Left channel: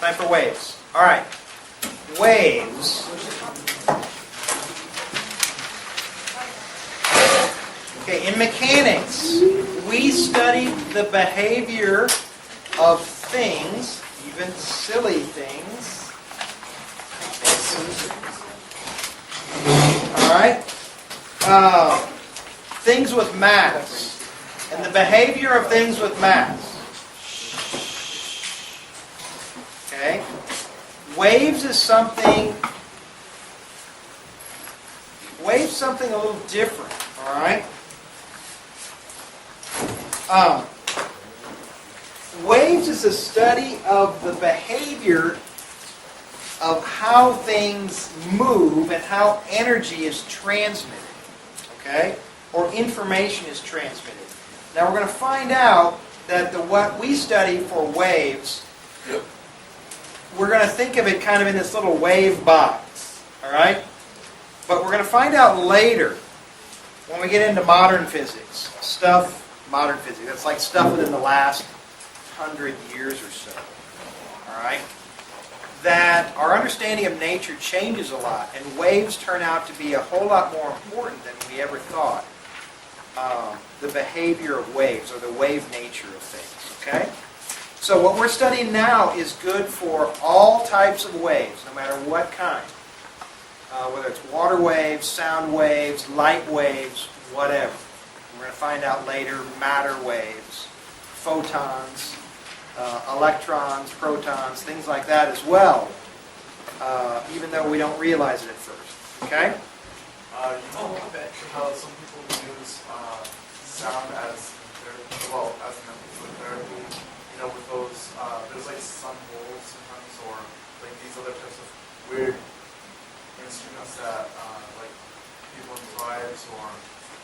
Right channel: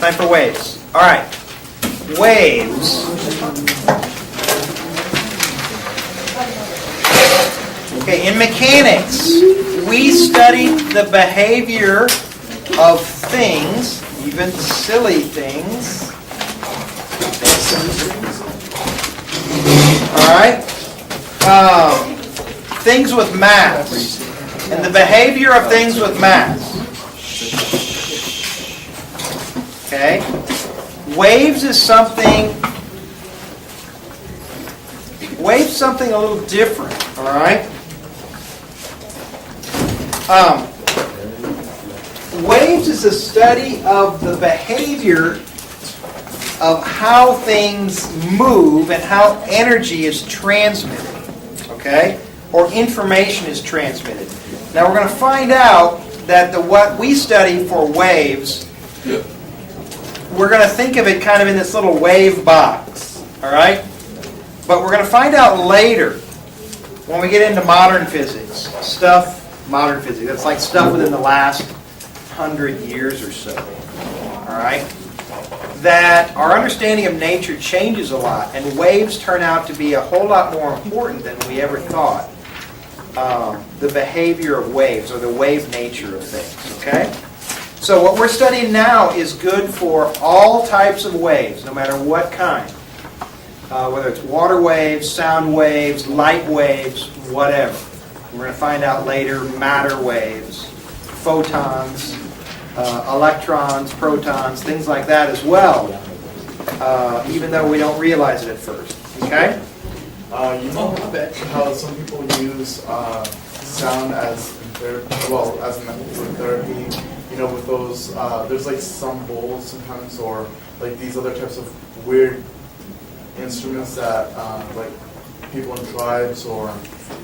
Time for waves. All right. Waves. Okay, in mechanics, we studied the behavior of things, even silly things. All right? Things with mass. And the behavior of things with mass. Okay? Waves is something a little different, all right? Waves is a study of the behavior of how things move and how energy is transmitted, okay? Or information is transmitted. Now we're going to find out that what we study for waves, we're going to think of it kind of in this little wave box, all right? But we're going to find out later, when we get into modern physics, modern physics, that's like stuff within the last 100 years or so, all right? That our understanding of nature changes a lot, and waves turn out to be a whole lot more important than we ever thought. The behavior of waves, or the wave nature of things, okay? So what we're studying now is good for all types of waves, no matter what kind. Whether it's water waves, sound waves, light waves, whatever. We're going to find out later matter waves, photons, electrons, protons, things like that as well, even though we don't realize it at first. Okay? You know how some people use sound as as a method for therapy. You know, with those, there's like some bowls sometimes, or like these other types of weird instruments that like people in tribes or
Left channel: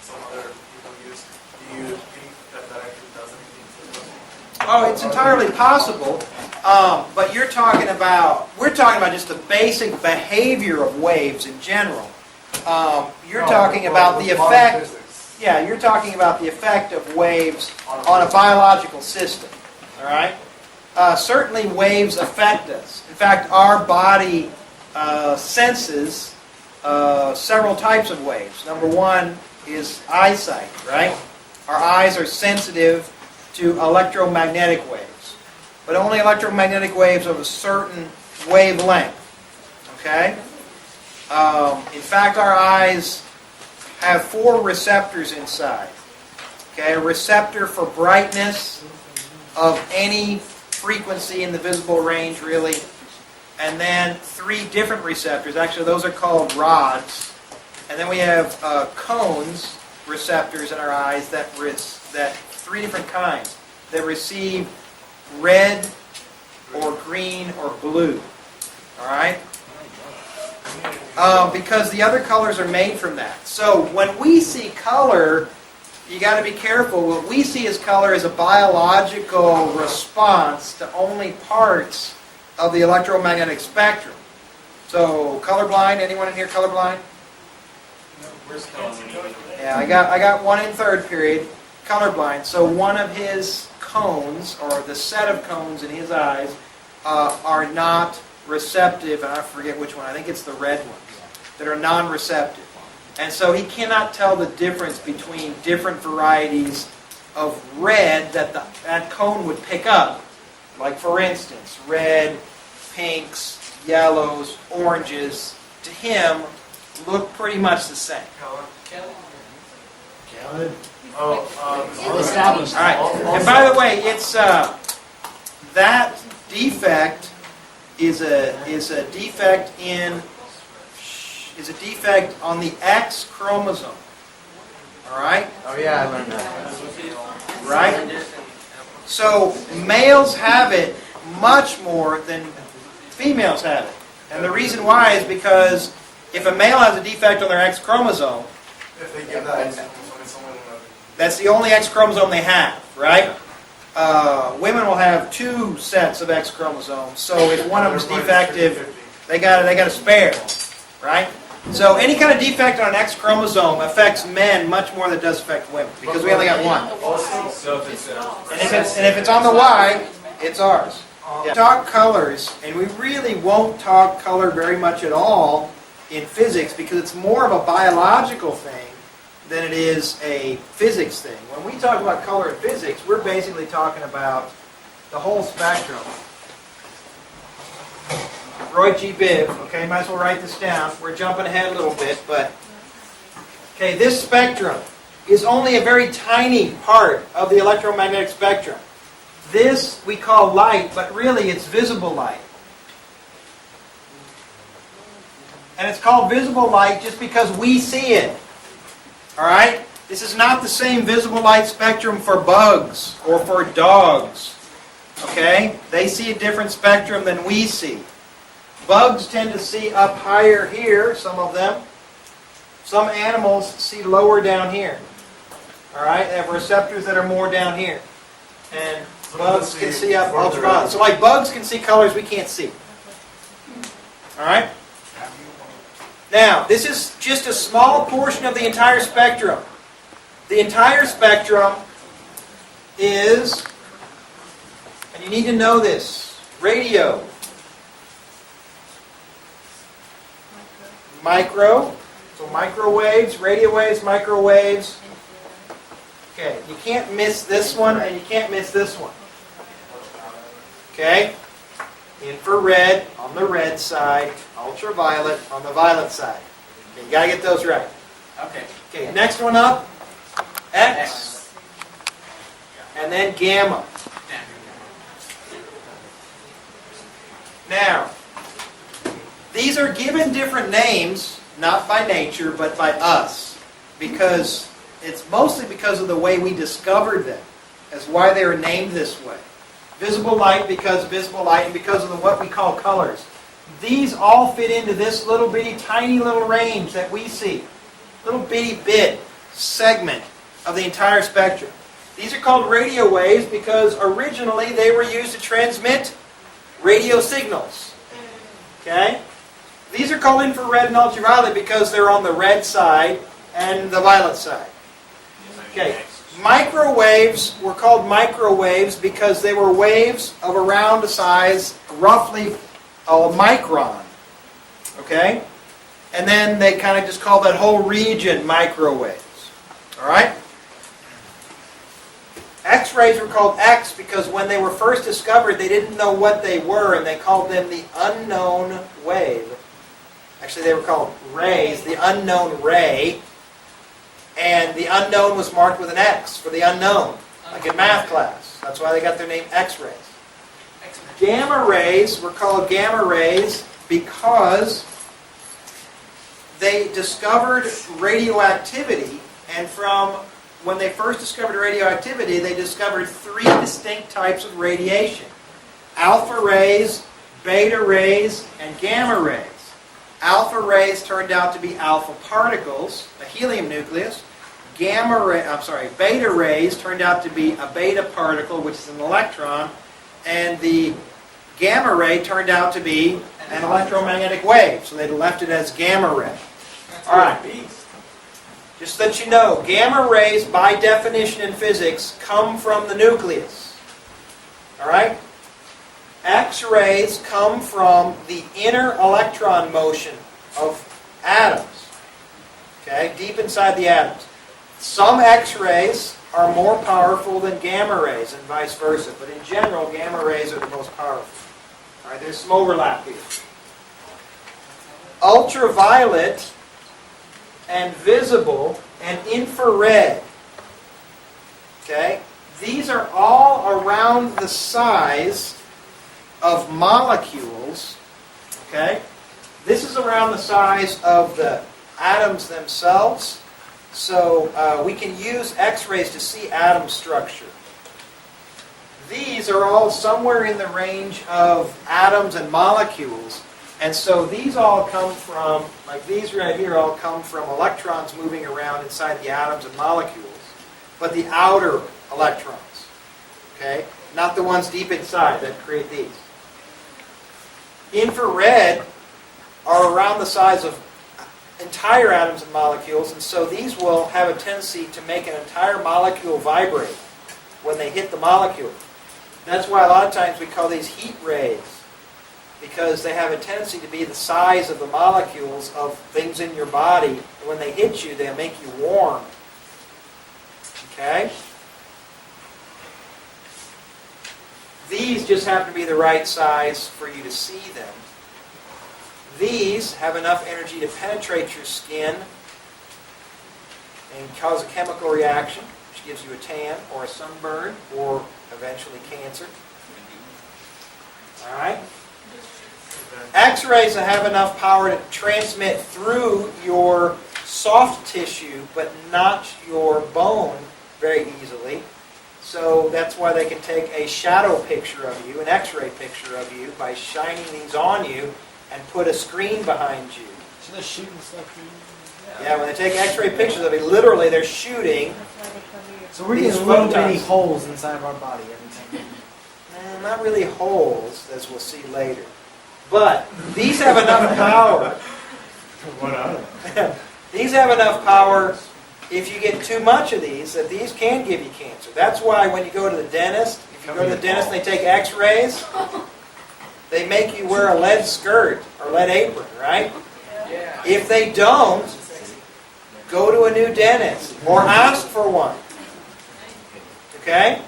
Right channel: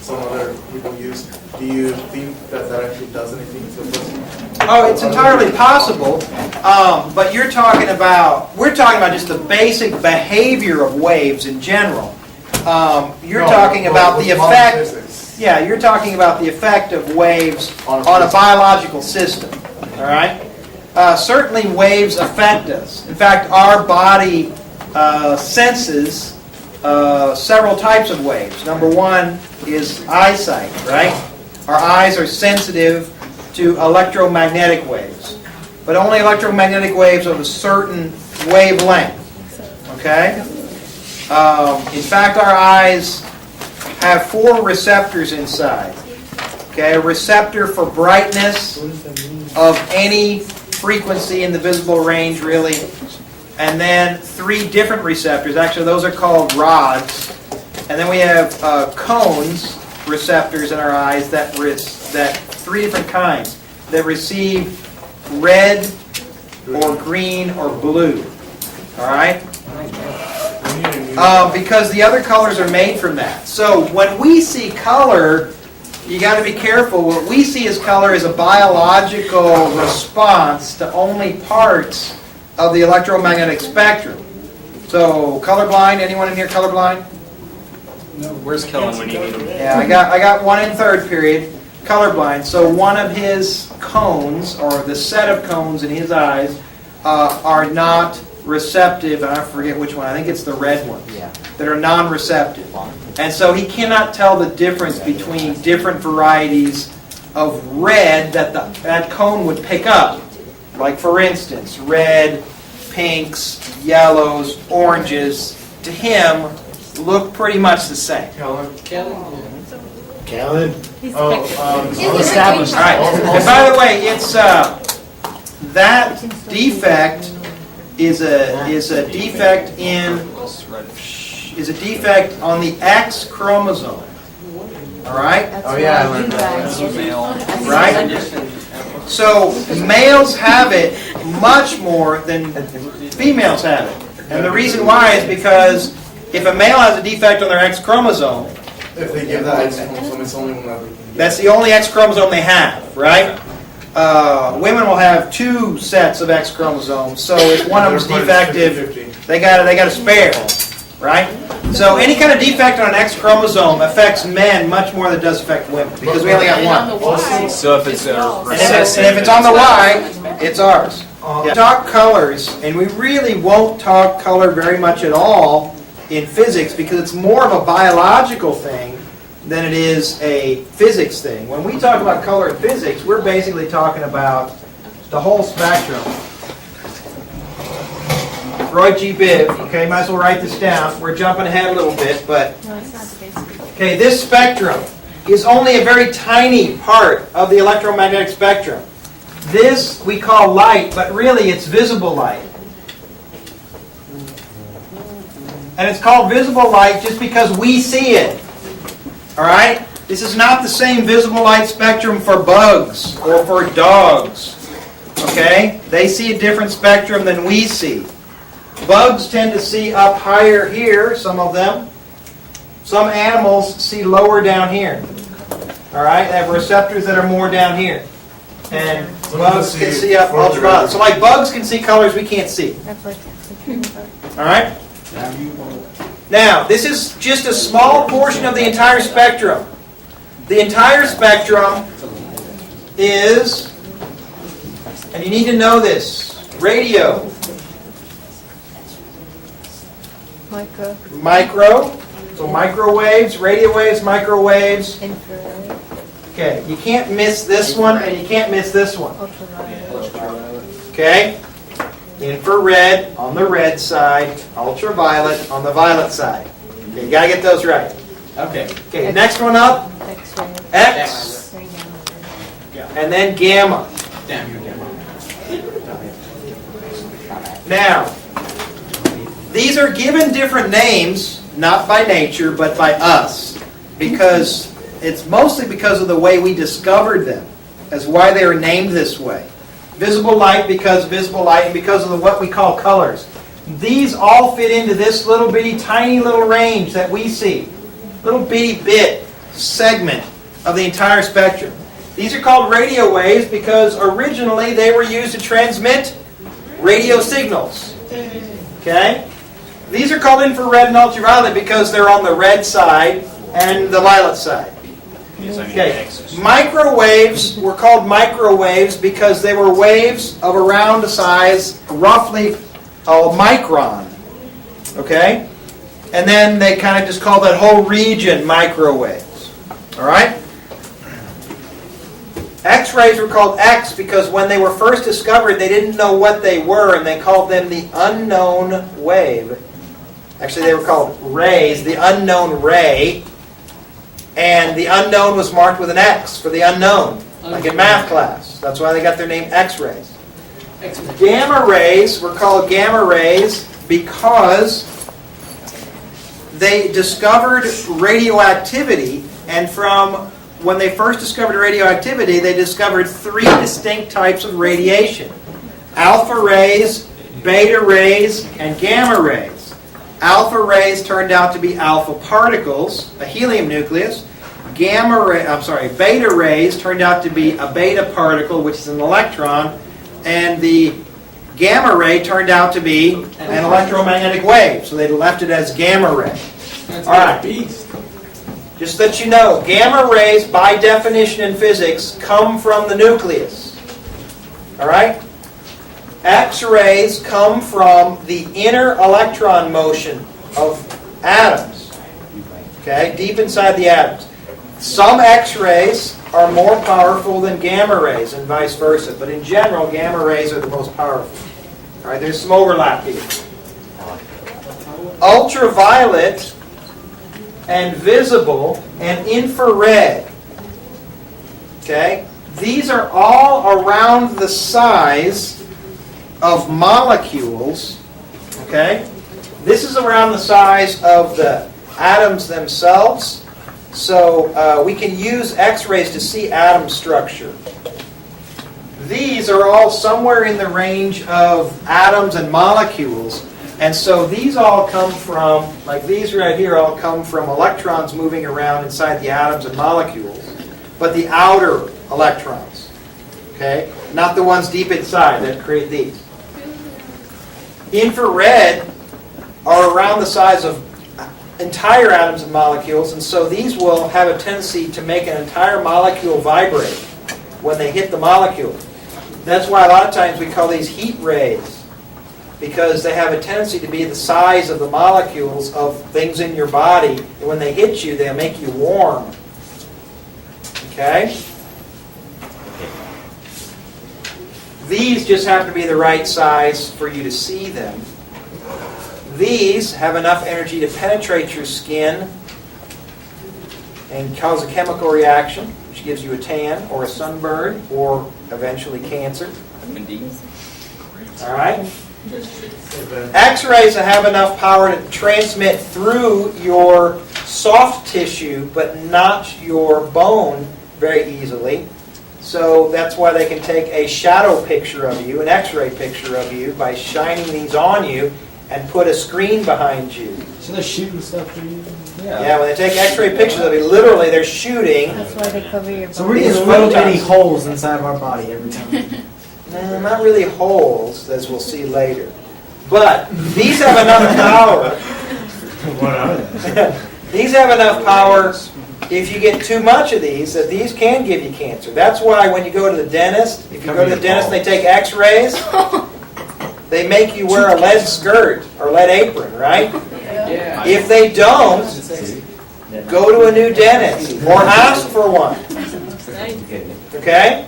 some other people use. Do you think that actually does anything for this? Oh, it's entirely possible, but we're talking about just the basic behavior of waves in general. You're talking about the effect. Yeah, you're talking about the effect of waves on a biological system. All right. Certainly, waves affect us. In fact, our body senses several types of waves. Number one is eyesight. Right. Our eyes are sensitive to electromagnetic waves, but only electromagnetic waves of a certain wavelength. Okay? In fact, our eyes have 4 receptors inside. Okay? A receptor for brightness of any frequency in the visible range, really. And then 3 different receptors. Actually, those are called rods. And then we have cones, receptors in our eyes that 3 different kinds that receive red or green or blue. All right? Because the other colors are made from that. So when we see color, you got to be careful. What we see as color is a biological response to only parts of the electromagnetic spectrum. So colorblind, anyone in here colorblind? Where's Kellen when you need him? Yeah, I got one in third period, colorblind. So one of his cones, or the set of cones in his eyes, are not receptive, and I forget which one. I think it's the red ones that are non-receptive. And so he cannot tell the difference between different varieties of red that cone would pick up. Like for instance, red, pinks, yellows, oranges, to him look pretty much the same. Kellen? All established. All right. And by the way, it's that defect is a defect on the X chromosome. All right? Oh yeah, I learned that. Right? So males have it much more than females have it. And the reason why is because if a male has a defect on their X chromosome, If they give that X chromosome, it's only one. that's the only X chromosome they have, right? Women will have 2 sets of X chromosomes, so if one of them's defective, they got a spare, right? So any kind of defect on an X chromosome affects men much more than it does affect women, because we only got one. So if it's And if it's on the Y, it's ours. Talk colors, and we really won't talk color very much at all in physics because it's more of a biological thing than it is a physics thing. When we talk about color in physics, we're basically talking about the whole spectrum. Roy G. Biv, okay, might as well write this down. We're jumping ahead a little bit, but okay, this spectrum is only a very tiny part of the electromagnetic spectrum. This we call light, but really it's visible light. And it's called visible light just because we see it. All right? This is not the same visible light spectrum for bugs or for dogs. Okay? They see a different spectrum than we see. Bugs tend to see up higher here, some of them. Some animals see lower down here. All right? They have receptors that are more down here. And bugs can see up ultraviolet. So like bugs can see colors we can't see. All right? Now, this is just a small portion of the entire spectrum. The entire spectrum is, and you need to know this, radio. Micro. So microwaves, radio waves, microwaves. Okay, you can't miss this one and you can't miss this one. Okay? Infrared on the red side, ultraviolet on the violet side. Okay, you gotta get those right. Okay. Okay, next one up, X, and then gamma. Now, these are given different names, not by nature, but by us, because it's mostly because of the way we discovered them, as why they are named this way. Visible light because visible light, and because of what we call colors. These all fit into this little bitty, tiny little range that we see. Little bitty bit, segment of the entire spectrum. These are called radio waves because originally they were used to transmit radio signals. Okay? These are called infrared and ultraviolet because they're on the red side and the violet side. Okay. Microwaves were called microwaves because they were waves of around a size roughly a micron. Okay? And then they kind of just call that whole region microwaves. All right? X-rays were called X because when they were first discovered, they didn't know what they were, and they called them the unknown wave. Actually, they were called rays, the unknown ray. And the unknown was marked with an X for the unknown, like in math class. That's why they got their name X-rays. Gamma rays were called gamma rays because they discovered radioactivity, and from when they first discovered radioactivity, they discovered 3 distinct types of radiation. Alpha rays, beta rays, and gamma rays. Alpha rays turned out to be alpha particles, a helium nucleus. Beta rays turned out to be a beta particle, which is an electron. And the gamma ray turned out to be an electromagnetic wave. So they left it as gamma ray. All right. Just so that you know, gamma rays, by definition in physics, come from the nucleus. All right? X-rays come from the inner electron motion of atoms. Okay? Deep inside the atoms. Some X-rays are more powerful than gamma rays and vice versa. But in general, gamma rays are the most powerful. All right? There's some overlap here. Ultraviolet and visible and infrared. Okay? These are all around the size of molecules. Okay? This is around the size of the atoms themselves. So we can use X-rays to see atom structure. These are all somewhere in the range of atoms and molecules. And so these all come from, like these right here, all come from electrons moving around inside the atoms and molecules. But the outer electrons. Okay? Not the ones deep inside that create these. Infrared are around the size of entire atoms and molecules, and so these will have a tendency to make an entire molecule vibrate when they hit the molecule. That's why a lot of times we call these heat rays, because they have a tendency to be the size of the molecules of things in your body, and when they hit you, they'll make you warm. Okay? These just happen to be the right size for you to see them. These have enough energy to penetrate your skin and cause a chemical reaction, which gives you a tan or a sunburn or eventually cancer. Indeed. All right? X-rays have enough power to transmit through your soft tissue, but not your bone very easily. So that's why they can take a shadow picture of you, an X-ray picture of you, by shining these on you and put a screen behind you. So they're shooting stuff through you? Yeah, when they take X-ray pictures of you, literally they're shooting. That's why they cover your. So we're These getting little photons. bitty holes inside of our body every time. No, not really holes, as we'll see later. But these have enough power. What are they? These have enough power, if you get too much of these, that these can give you cancer. That's why when you go to the dentist, if you go to the dentist and they take X-rays, they make you wear a lead skirt or lead apron, right? If they don't, go to a new dentist or ask for one. Okay?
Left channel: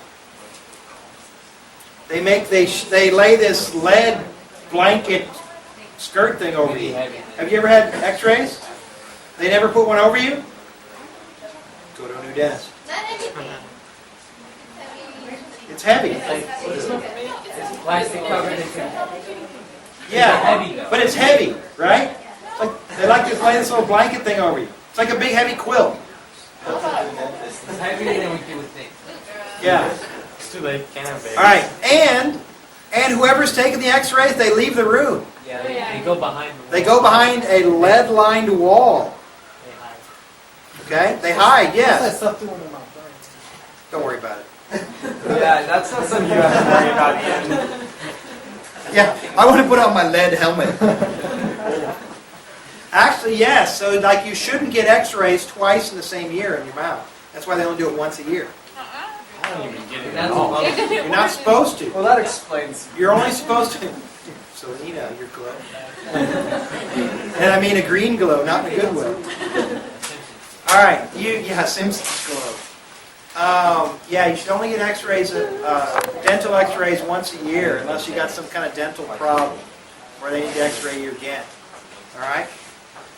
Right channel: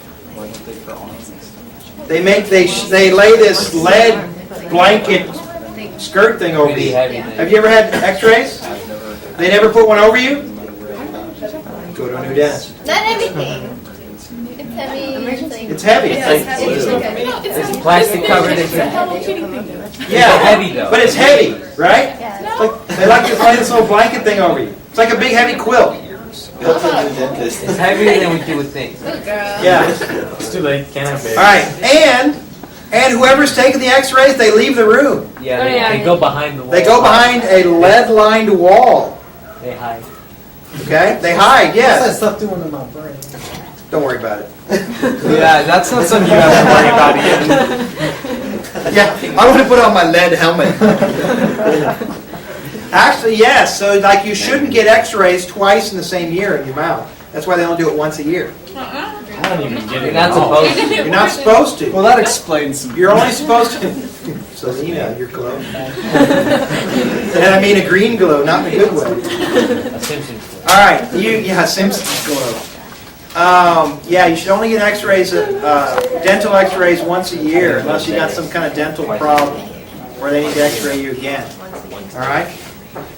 They lay this lead blanket skirt thing over you. Have you ever had X-rays? They never put one over you? Go to a new dentist. Not everything. It's heavy. It's heavy. Yeah, it's heavy. It's okay. It's plastic covered. Yeah, heavy though. but it's heavy, right? Yeah. It's like, they like to lay this little blanket thing over you. It's like a big heavy quilt. It's heavier than what you would think. Good girl. Yeah. It's too late. Can't have babies. All right, and whoever's taking the X-rays, they leave the room. Yeah, they go behind the wall. They go behind a lead-lined wall. They hide. Okay? They hide, What's that yes. stuff doing in my brain? Don't worry about it. Yeah, that's not something you have to worry about. Yeah, I want to put on my lead helmet. Actually, yes. So, like, you shouldn't get X-rays twice in the same year in your mouth. That's why they only do it once a year. I don't even get You're it. not supposed to. You're not supposed to. Well, that explains some. You're only supposed to. Selena, you're glowing. And I mean a green glow, not in a good way. A Simpsons. All right, Simpsons glow. Yeah, you should only get X-rays, dental X-rays once a year, unless you got some kind of dental problem where they need to X-ray you again. All right.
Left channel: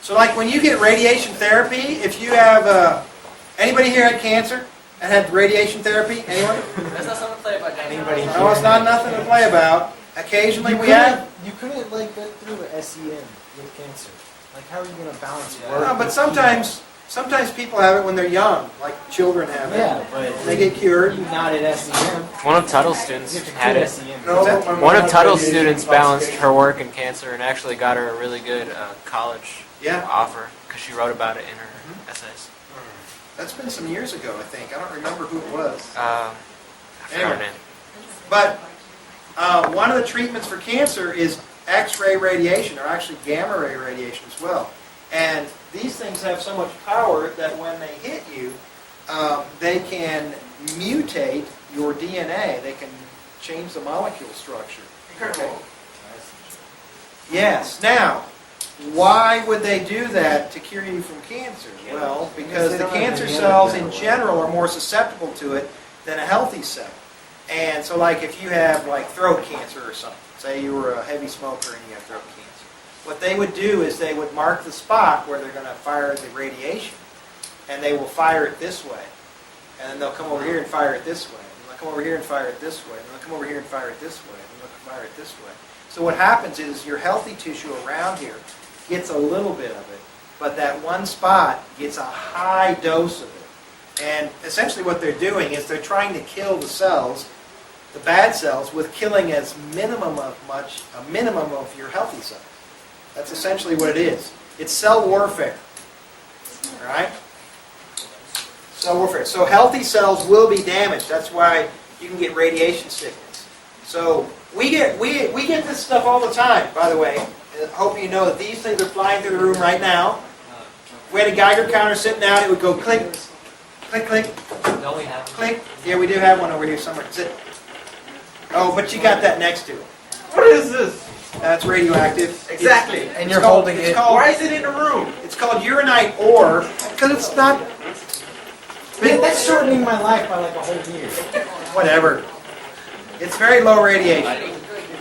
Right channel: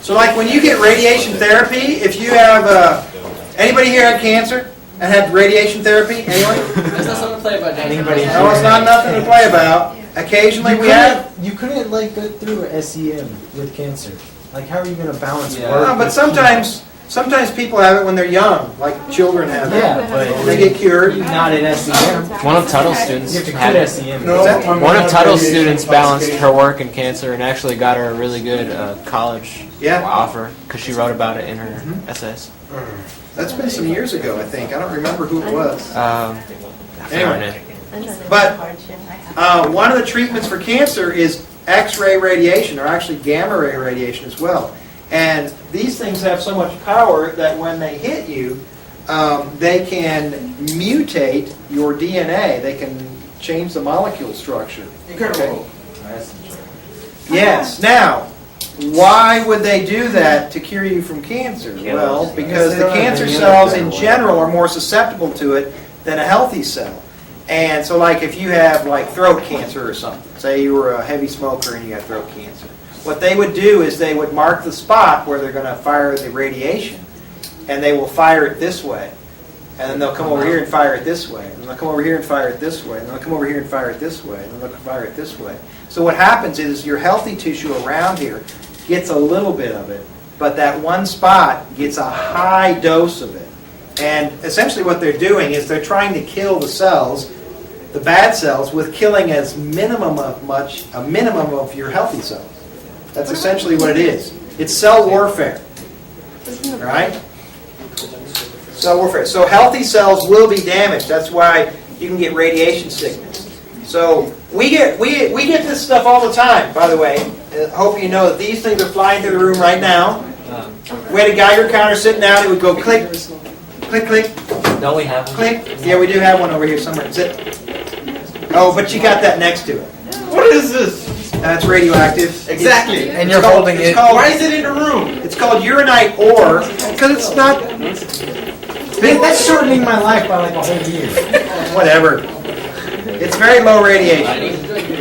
So, like when you get radiation therapy, if you have anybody here had cancer and had radiation therapy, anyone? Anybody? No, it's not nothing to play about. Occasionally we have. You couldn't like go through a SEM with cancer. Like, how are you going to balance Yeah. work? No, but with sometimes people have it when they're young, like children have it. Yeah, but And they get cured. not at SEM. One of Tuttle's students. You have to quit SEM. What's that? One of Tuttle's students balanced her work and cancer and actually got her a really good college Yeah, offer because she wrote about it in her SS. that's been some years ago, I think. I don't remember who it was. Um, Anyway, but one of the treatments for cancer is X-ray radiation, or actually gamma ray radiation as well. And these things have so much power that when they hit you, they can mutate your DNA. They can change the molecule structure. Okay? Yes. Now, why would they do that to cure you from cancer? Well, because the cancer cells in general are more susceptible to it than a healthy cell. And so, like, if you have, like, throat cancer or something, say you were a heavy smoker and you had throat cancer, what they would do is they would mark the spot where they're going to fire the radiation, and they will fire it this way. And then they'll come over here and fire it this way. And they'll come over here and fire it this way. And they'll come over here and fire it this way. And then they'll fire it this way. So what happens is your healthy tissue around here gets a little bit of it, but that one spot gets a high dose of it. And essentially what they're doing is they're trying to kill the cells, the bad cells, with killing a minimum of your healthy cells. That's essentially what it is. It's cell warfare. All right? Cell warfare. So healthy cells will be damaged. That's why you can get radiation sickness. So we get this stuff all the time, by the way. I hope you know that these things are flying through the room right now. We had a Geiger counter sitting out. It would go click, click, click, Don't we have one? click. Yeah, we do have one over here somewhere. Is it? Oh, but you got that next to it. What is this? That's radioactive. Exactly. And you're It's called- holding it's it. called- Why is it in a room? It's called uranite ore because it's not. That's shortening my life by like a whole year. Whatever. It's very low radiation.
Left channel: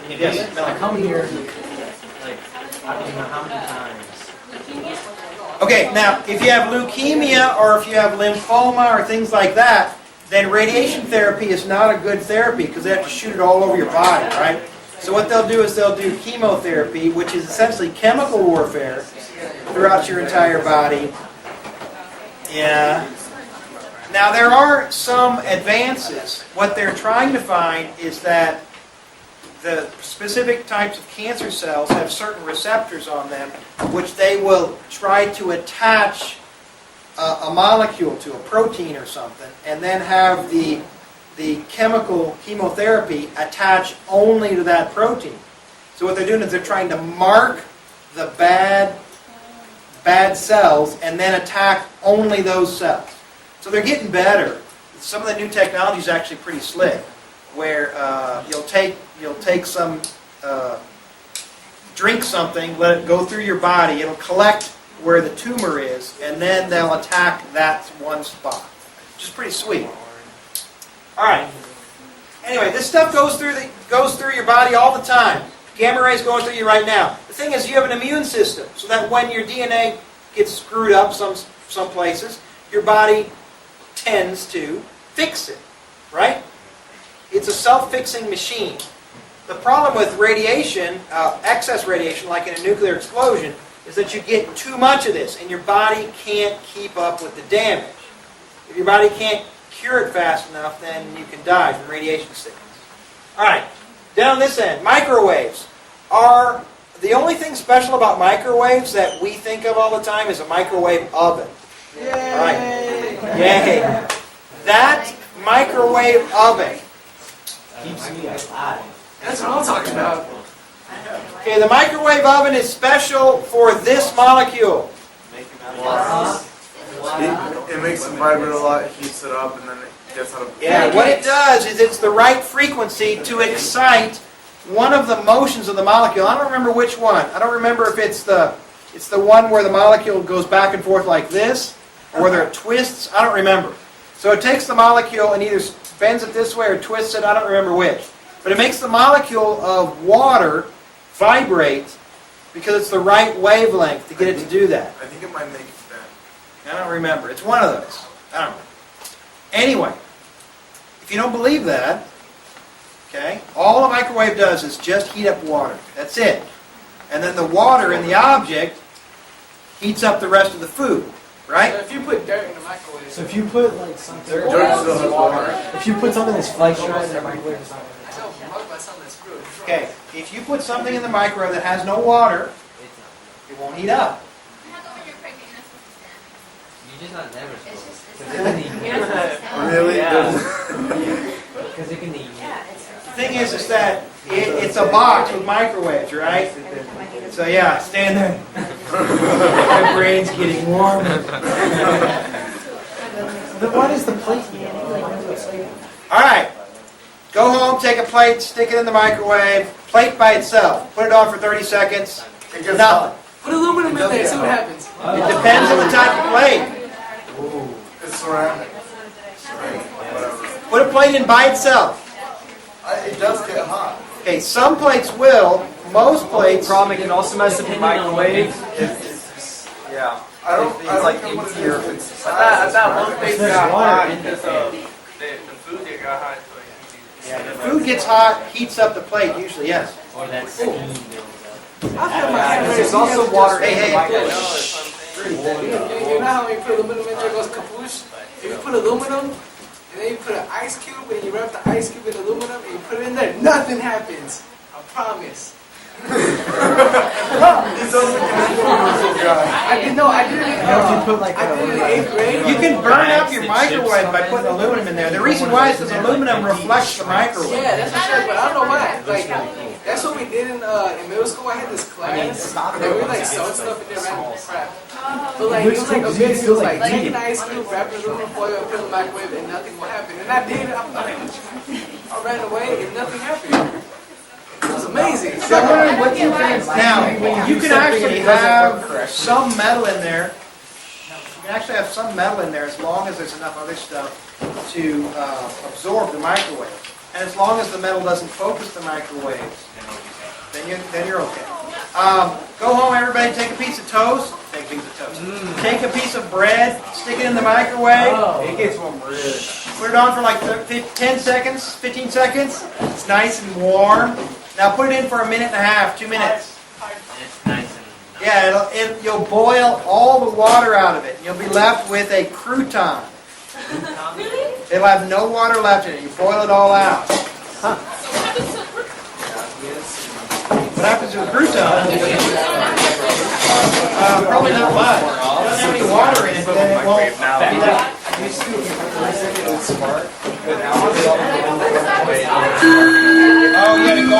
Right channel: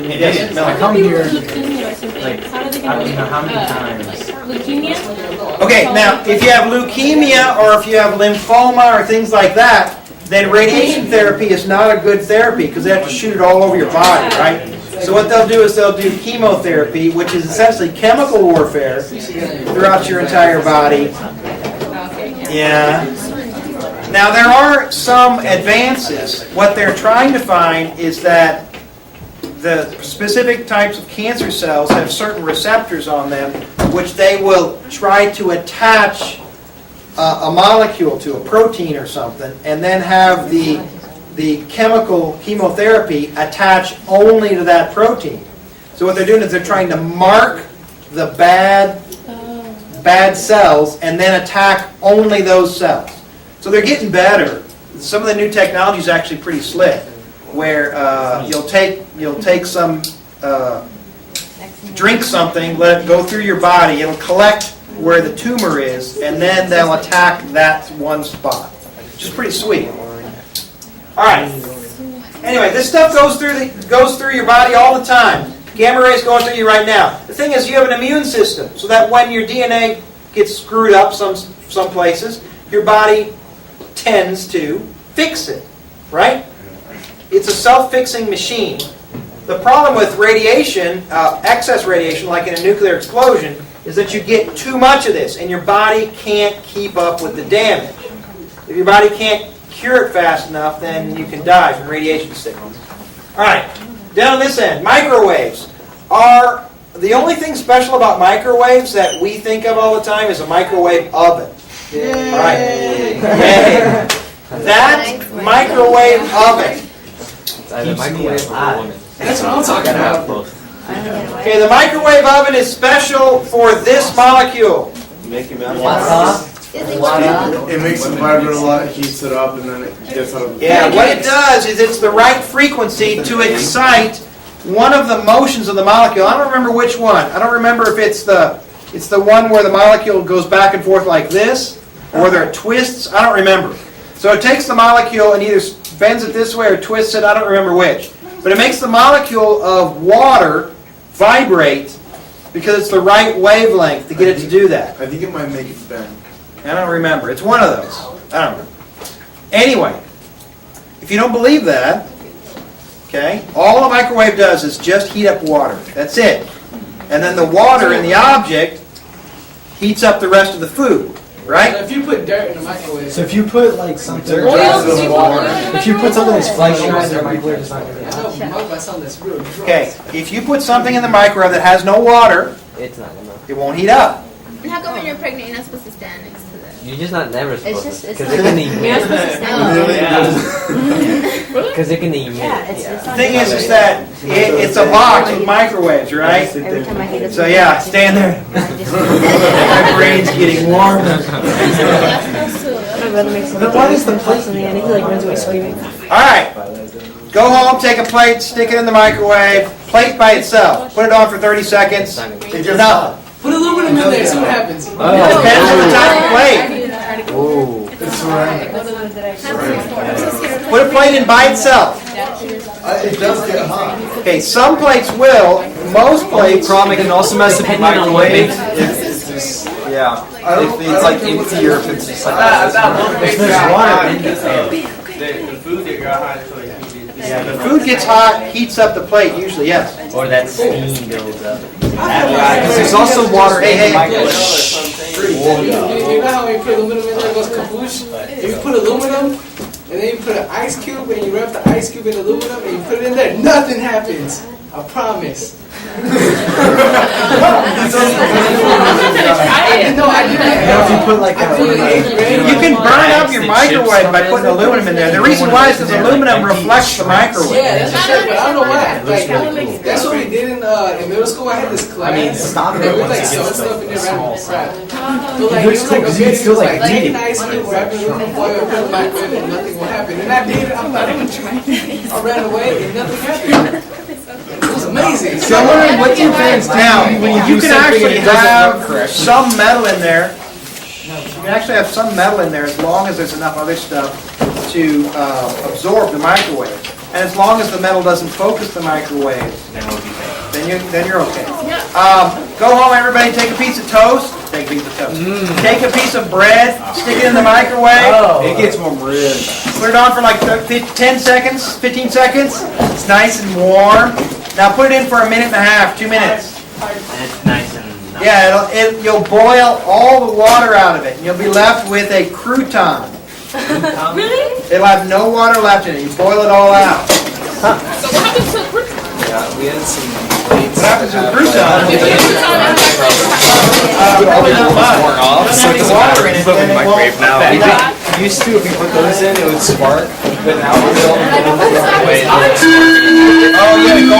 Yes, I Melanie. come here Leukemia or something. like How do they I don't get know how many times. leukemia? Okay, now if you have leukemia or if you have lymphoma or things like that, then radiation therapy is not a good therapy because they have to shoot it all over your body, right? So what they'll do is they'll do chemotherapy, which is essentially chemical warfare throughout your entire body. Yeah. Now there are some advances. What they're trying to find is that the specific types of cancer cells have certain receptors on them, which they will try to attach a molecule to, a protein or something, and then have the chemical chemotherapy attach only to that protein. So what they're doing is they're trying to mark the bad cells and then attack only those cells. So they're getting better. Some of the new technology is actually pretty slick, where you'll take some, drink something, let it go through your body, it'll collect where the tumor is, and then they'll attack that one spot, which is pretty sweet. All right. Anyway, this stuff goes through your body all the time. Gamma rays going through you right now. The thing is, you have an immune system, so that when your DNA gets screwed up some places, your body tends to fix it, right? It's a self-fixing machine. The problem with radiation, excess radiation, like in a nuclear explosion, is that you get too much of this, and your body can't keep up with the damage. If your body can't cure it fast enough, then you can die from radiation sickness. All right, down this end, microwaves are the only thing special about microwaves that we think of all the time is a microwave oven. All right, yay! That microwave oven. Keeps me alive. Gotta have both. Okay, the microwave oven is special for this molecule. It makes it vibrate a lot, heats it up, and then it gets out of. Yeah, what it does is it's the right frequency to excite one of the motions of the molecule. I don't remember which one. I don't remember if it's the one where the molecule goes back and forth like this, or whether it twists. I don't remember. So it takes the molecule and either bends it this way or twists it. I don't remember which. But it makes the molecule of water vibrate because it's the right wavelength to get it to do that. I think it might make it bend. I don't remember. It's one of those. I don't remember. Anyway, if you don't believe that, okay, all a microwave does is just heat up water. That's it. And then the water in the object heats up the rest of the food, right? If you put dirt in the microwave, So if you put like something, if you put something that's flash drive in the microwave, it's not gonna be hot. that's on this roof. Okay, if you put something in the microwave that has no water, It's not enough. it won't heat up. And how come when you're pregnant you're not supposed to stand next to them? You're just not never supposed just- to, it's because it not- can You're not emit. supposed to stand. Because it can emit. The thing is that it's a box with microwaves, right? So yeah, stand there. My brain's getting warmer. Then why does the plate? All right. Go home, take a plate, stick it in the microwave. Plate by itself. Put it on for 30 seconds. Nothing. Put aluminum in there, see what happens. It depends on the type of plate. Ooh. Put a plate in by itself. It does get hot. Okay, some plates will. Most plates. Problem, it can also mess with Depending on what microwave. makes Yeah. If it's like empty or if it's just like. If there's water in the air. Yeah, the food gets hot, heats up the plate usually, yes. or that steam builds up. Because there's also water Hey, in hey, the hey. microwave. You know how when you put aluminum in there, it goes kabloosh? If you put aluminum, and then you put an ice cube, and you wrap the ice cube in aluminum, and you put it in there, nothing happens. I promise. You know, if you put like one of the, You can burn up your microwave by putting aluminum in there. The reason why is because aluminum reflects the microwave. Yeah, but I don't know why. It looks really cool. That's what he did in in middle school, I had this class. I mean, stop it once it Like, gets sew to stuff in the the small wrapper. size. It looks cool because you can still like read it. Ice cube, wrap it in foil, put it back in, and nothing will happen. And I did it. I ran away and nothing happened. It was amazing. So I wonder what difference. Now, you can actually have some metal in there. You can actually have some metal in there as long as there's enough other stuff to absorb the microwave. And as long as the metal doesn't focus the microwave, then you're okay. Go home, everybody, take a piece of toast. Take a piece of toast. Take a piece of bread, stick it in the microwave. It gets more real. Put it on for like 10 seconds, 15 seconds. It's nice and warm. Now put it in for a minute and a half, 2 minutes. And it's nice and. Yeah, you'll boil all the water out of it, and you'll be left with a crouton. Really? It'll have no water left in it. You boil it all out. So what happens to a crouton? We had some. What happens to a crouton? If you put it on that microwave, Probably not much. If it doesn't have any water in it, then it won't affect it. Used to, if you put those in, it would spark, but now we're all. Oh, yeah,